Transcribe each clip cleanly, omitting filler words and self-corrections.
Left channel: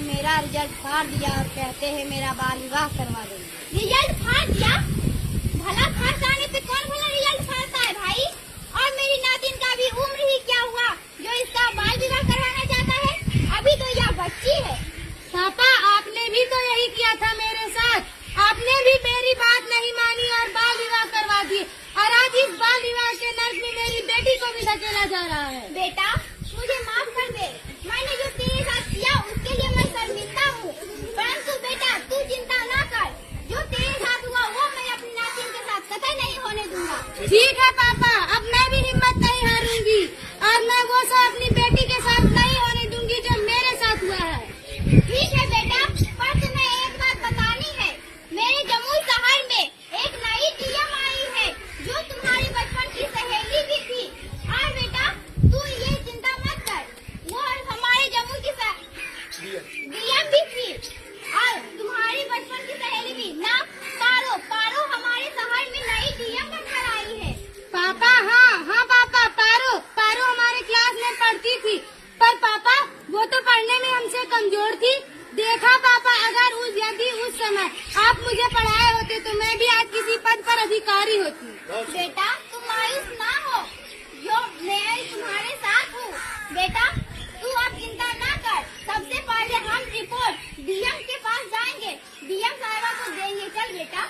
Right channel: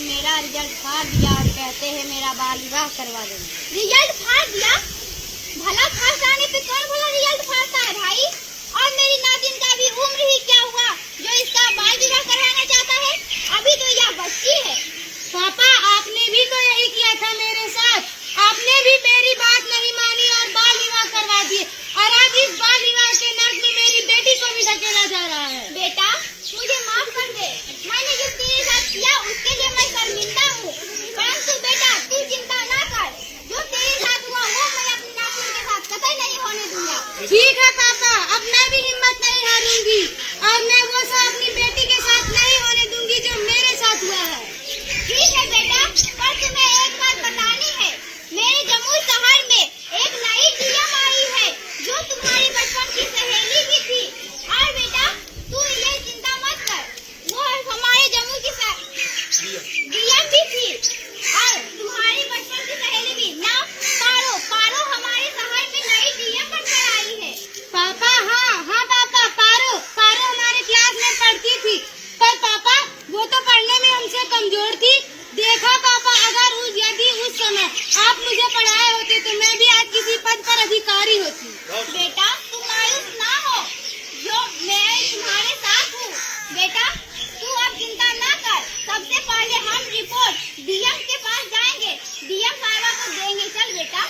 और मेरा रिजल्ट फाड़ दिया और कहते हैं मेरा बाल विवाह करवा देंगे। रिजल्ट फाड़ दिया? भला फर्स्ट आने पे कौन भला रिजल्ट फाड़ता है भाई? और मेरी नातिन का भी उम्र ही क्या हुआ जो इसका बाल विवाह कराना चाहता है? अभी तो यह बच्ची है। पापा, आपने भी तो यही किया था मेरे साथ। आपने भी मेरी बात नहीं मानी और बाल विवाह करवा दिए, और आज इस बाल विवाह के नर्क में मेरी बेटी को भी धकेला जा रहा है। बेटा, मुझे माफ कर दे। मैंने जो तेरे साथ किया उसके लिए मैं शर्मिंदा हूँ। परंतु बेटा, तू चिंता ना कर। जो तेरे साथ हुआ वो मैं अपनी नातिन के साथ कतई नहीं होने दूंगा। ठीक है पापा, अब मैं भी हिम्मत नहीं हारूंगी और मैं वो सब अपनी बेटी के साथ नहीं होने दूंगी जो मेरे साथ हुआ है। ठीक है बेटा, पर तुम्हें एक बात बतानी है। मेरे जमुई शहर में एक नई टीएम आई है जो तुम्हारी बचपन की सहेली भी थी। और बेटा, तू ये चिंता मत कर, वो हमारे जमुई की डीएम भी थी और तुम्हारी बचपन की सहेली भी। नाम पारो। पारो हमारे शहर में नई डीएम बनकर आई है। पापा, हाँ पापा, पारो हमारे क्लास में पढ़ती थी, पर पापा वो तो पढ़ने में हमसे कमजोर थी। देखा पापा, अगर यदि उस समय आप मुझे पढ़ाए होते तो मैं भी आज किसी पद पर अधिकारी होती। बेटा, तुम मायूस ना हो, जो मैं तुम्हारे साथ हूँ। बेटा, तू अब चिंता ना कर। सबसे पहले हम रिपोर्ट डीएम के पास जाएंगे। डीएम साहब को देंगे। चल बेटा।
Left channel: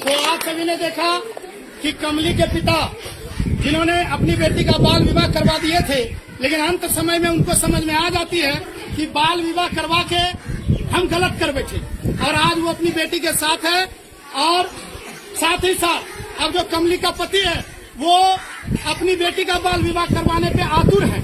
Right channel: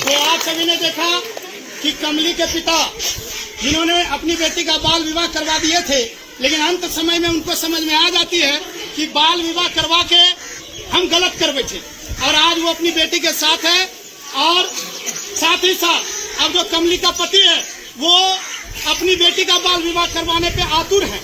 तो आप सभी ने देखा कि कमली के पिता जिन्होंने अपनी बेटी का बाल विवाह करवा दिए थे, लेकिन अंत समय में उनको समझ में आ जाती है कि बाल विवाह करवा के हम गलत कर बैठे, और आज वो अपनी बेटी के साथ है। और साथ ही साथ अब जो कमली का पति है वो अपनी बेटी का बाल विवाह करवाने पे आतुर है।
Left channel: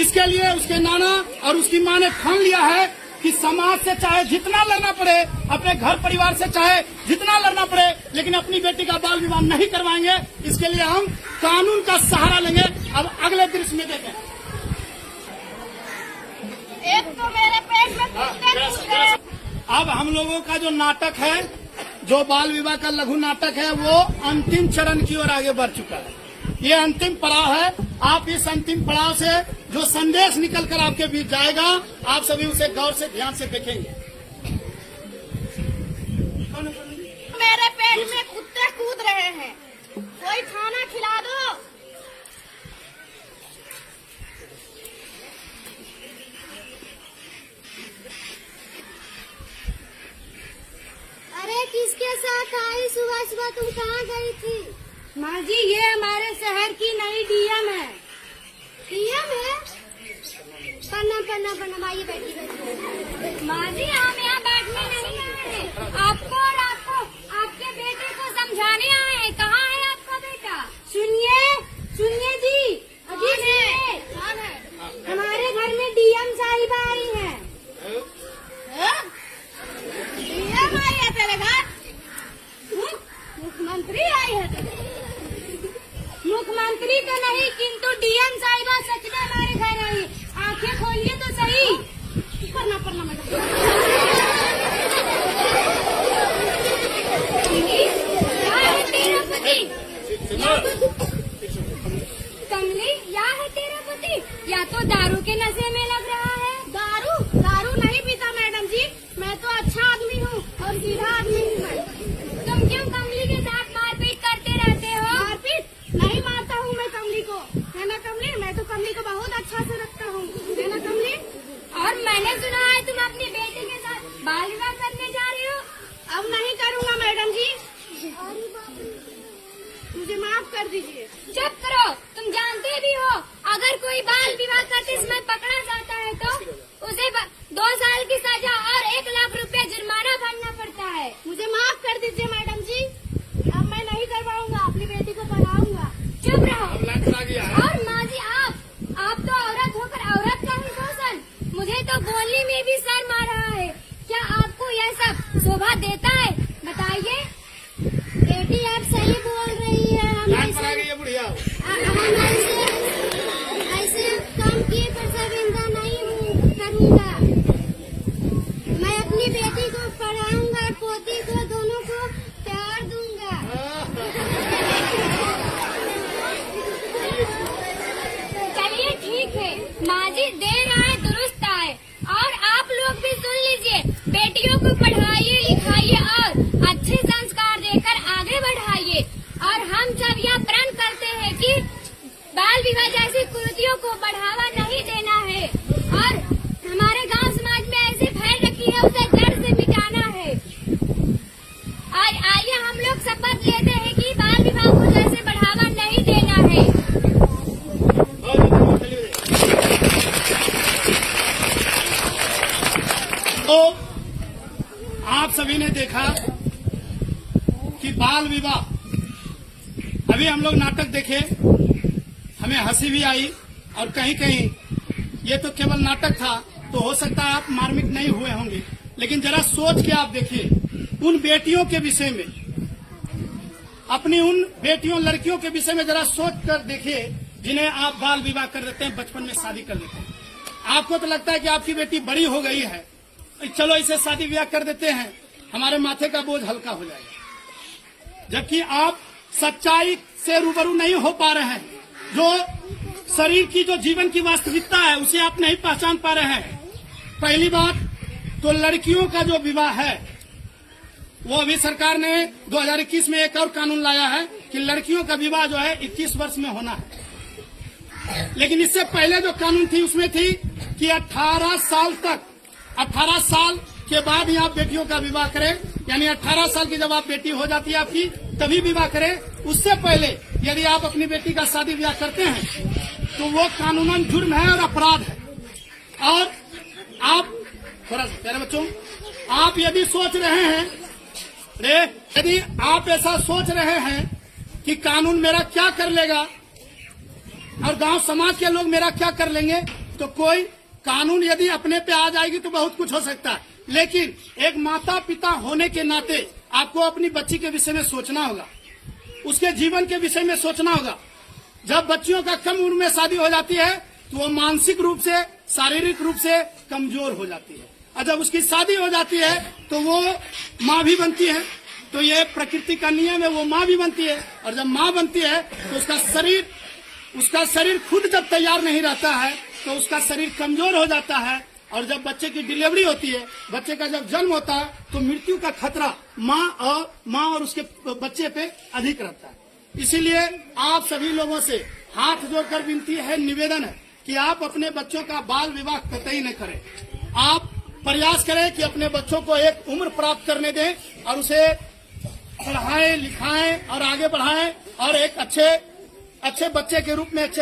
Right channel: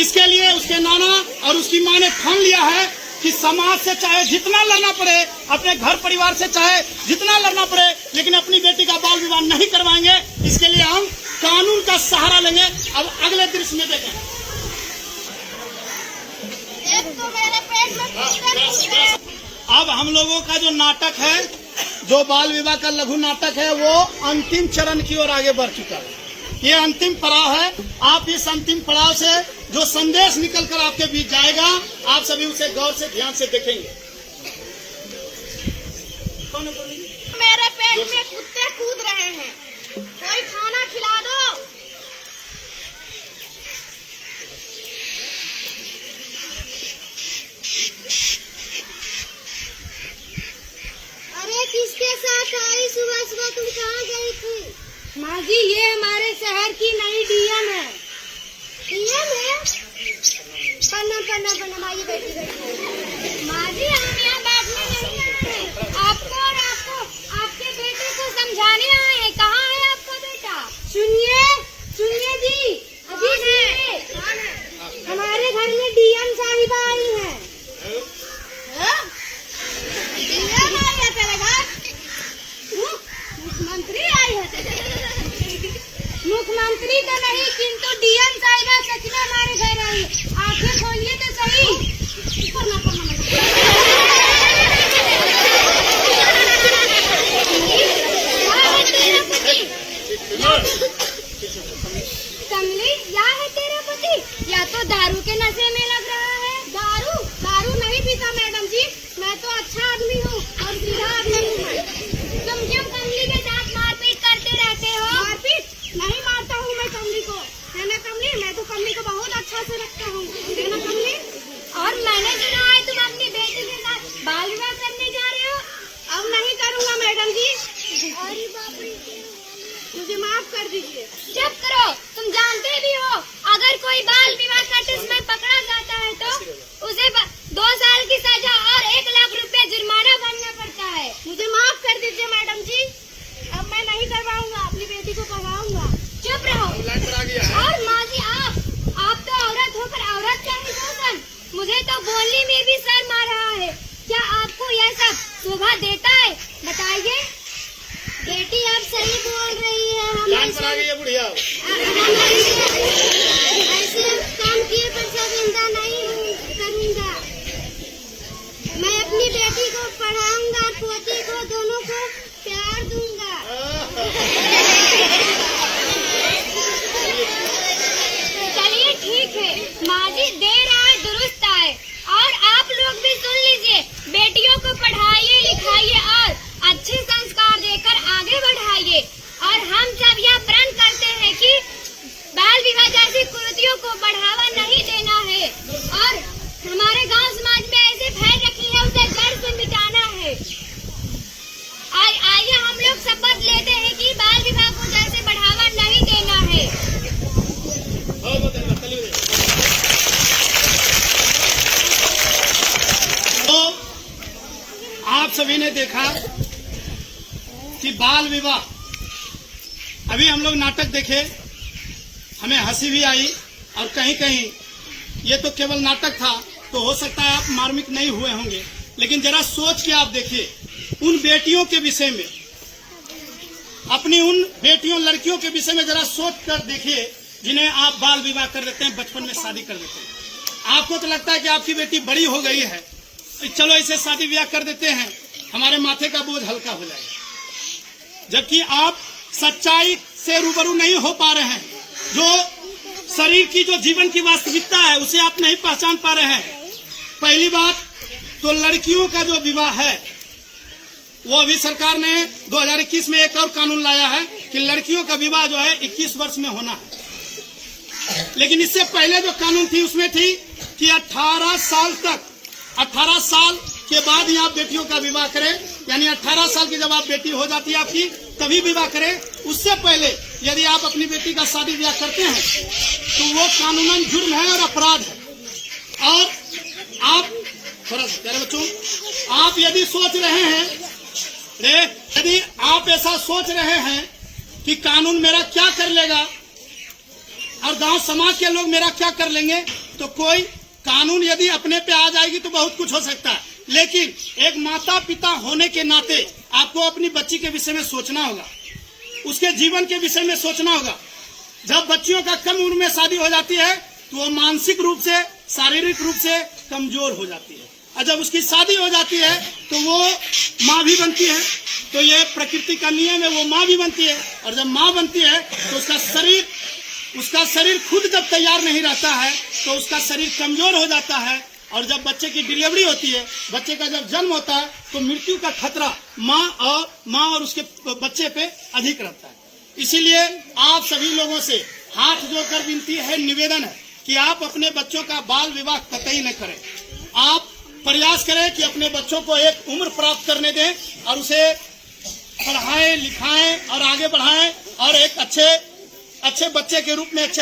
इसके लिए उसके नाना और उसकी माँ ने ठान लिया है कि समाज से चाहे जितना लड़ना पड़े, अपने घर परिवार से चाहे जितना लड़ना पड़े, लेकिन अपनी बेटी का बाल विवाह नहीं करवाएंगे। इसके लिए हम कानून का सहारा लेंगे। अब अगले दृश्य में देखें। एक तो मेरे पेट में अब हम लोगों का जो नाटक है, जो बाल विवाह का लघु नाटक है, वो अंतिम चरण की ओर आगे बढ़ चुका है। ये अंतिम पड़ाव है। आप इस अंतिम पड़ाव से जो संदेश निकल कर आपके बीच जाएगा, आप सभी उसे गौर से ध्यान से देखेंगे। मेरे पेट में कुत्ते कूद रहे हैं, कोई खाना खिला दो। अरे किसके साथ आई? सुबह सुबह तुम कहाँ गई थी? माँ जी, ये हमारे शहर की नई डीएम है। डीएम है? पन्ना माई बैठी। माँ जी, हम यहाँ बैठने नहीं आए, आपको और आपके बेटे को समझाने आए। कहाँ है आपका बेटा? सुनिए जी, अभी सुनिए। हमारे घर में डीएम साहिबा आई है। डीएम आई है तेरे घर? मुख्यमंत्री आई है। मुख्यमंत्री तो नहीं, किंतु डीएम साहिबा सच में हमारे घर आई। आंखें खोलिए तो सही। कमली, या है तेरा पति? या तो दारू के नशे में लग रहा है। दारू नहीं पीता मैडम जी। मैं तो अच्छा आदमी हूँ और सीधा आदमी हूँ मैं। तुम क्यों कमली के साथ मारपीट करते रहते हो? मारपीट नहीं मारता हूँ मैं कमली को। है ना कमली? मैं तो कमली को बहुत अच्छा से रखता हूँ। है ना कमली? और मैंने सुना है तुम अपनी बेटी के साथ बाल विवाह करने जा रहे हो। अब नहीं करूँगा मैडम जी। मुझे माफ कर दीजिए। चुप करो। तुम जानते भी हो, अगर कोई बाल विवाह करते समय पकड़ा जाता है तो उसे 2 साल की सजा और 1 लाख रुपए जुर्माना भरना पड़ता है। मुझे माफ कर दीजिए मैडम जी। अब मैं नहीं करवाऊंगा, अपनी बेटी को पढ़ाऊंगा। चुप रहो। और माँ जी, आप तो औरत होकर औरत का ही शोषण। मुझे तो बोलने में भी शर्म आ रहा है। क्या आपको यह सब शोभा देता है? बताइए। बेटी, आप सही बोल रही है। हम ऐसे काम किए पर शर्मिंदा नहीं करूँगा। मैं अपनी बेटी को पढ़ाऊंगा, पोती को, दोनों को प्यार दूंगा। विवाह जैसी कुरीतियों को बढ़ावा नहीं देना है और हमारे गांव समाज में ऐसी फैल रखी है उसे जड़ से मिटाना है। आइए हम लोग शपथ लेते हैं कि बाल विवाह को जैसे बढ़ावा नहीं देना है। तो आप सभी ने देखा कि बाल विवाह, अभी हम लोग नाटक देखे, हमें हंसी भी आई और कहीं कहीं ये तो केवल नाटक था, तो हो सकता है आप मार्मिक नहीं हुए होंगे, लेकिन जरा सोच के आप देखिए उन बेटियों के विषय में, अपनी उन बेटियों लड़कियों के विषय में जरा सोच कर देखिए जिन्हें आप बाल विवाह कर देते हैं, बचपन में शादी कर देते हैं। आपको तो लगता है कि आपकी बेटी बड़ी हो गई है, चलो इसे शादी ब्याह कर देते हैं, हमारे माथे का बोझ हल्का हो जाएगा, जबकि आप सच्चाई से रूबरू नहीं हो पा रहे हैं। जो शरीर की जो जीवन की वास्तविकता है उसे आप नहीं पहचान पा रहे हैं। पहली बात तो लड़कियों का जो विवाह है वो अभी सरकार ने 2021 में एक और कानून लाया है कि लड़कियों का विवाह जो है 21 वर्ष में होना है, लेकिन इससे पहले जो कानून थी उसमें थी कि 18 साल तक, 18 साल के बाद ही आप बेटियों का विवाह करें, यानी 18 साल की जब आप बेटी हो जाती है आपकी तभी विवाह करें। उससे पहले यदि आप अपनी बेटी का शादी ब्याह करते हैं तो वो कानूनन जुर्म है और अपराध है। और आप थोड़ा प्यारे बच्चों, आप यदि सोच रहे हैं यदि आप ऐसा सोच रहे हैं कि कानून मेरा क्या कर लेगा और गांव समाज के लोग मेरा क्या कर लेंगे, तो कोई कानून यदि अपने पे आ जाएगी तो बहुत कुछ हो सकता है, लेकिन एक माता पिता होने के नाते आपको अपनी बच्ची के विषय में सोचना होगा, उसके जीवन के विषय में सोचना होगा। जब बच्चियों का कम उम्र में शादी हो जाती है तो वो मानसिक रूप से, शारीरिक रूप से कमजोर हो जाती है, और जब उसकी शादी हो जाती है तो वो माँ भी बनती है। तो ये प्रकृति का नियम है, वो माँ भी बनती है, और जब माँ बनती है तो उसका शरीर खुद जब तैयार नहीं रहता है तो उसका शरीर कमजोर हो जाता है, और जब बच्चे की डिलीवरी होती है, बच्चे का जब जन्म होता है तो मृत्यु का खतरा माँ और उसके बच्चे पे अधिक रहता है। इसीलिए आप सभी लोगों से हाथ जोड़कर विनती है, निवेदन है कि आप अपने बच्चों का बाल विवाह कतई न करें। आप प्रयास करें कि अपने बच्चों को एक उम्र प्राप्त करने दें और उसे पढ़ाएं लिखाएं और आगे बढ़ाएं और एक अच्छे बच्चे के रूप में अच्छे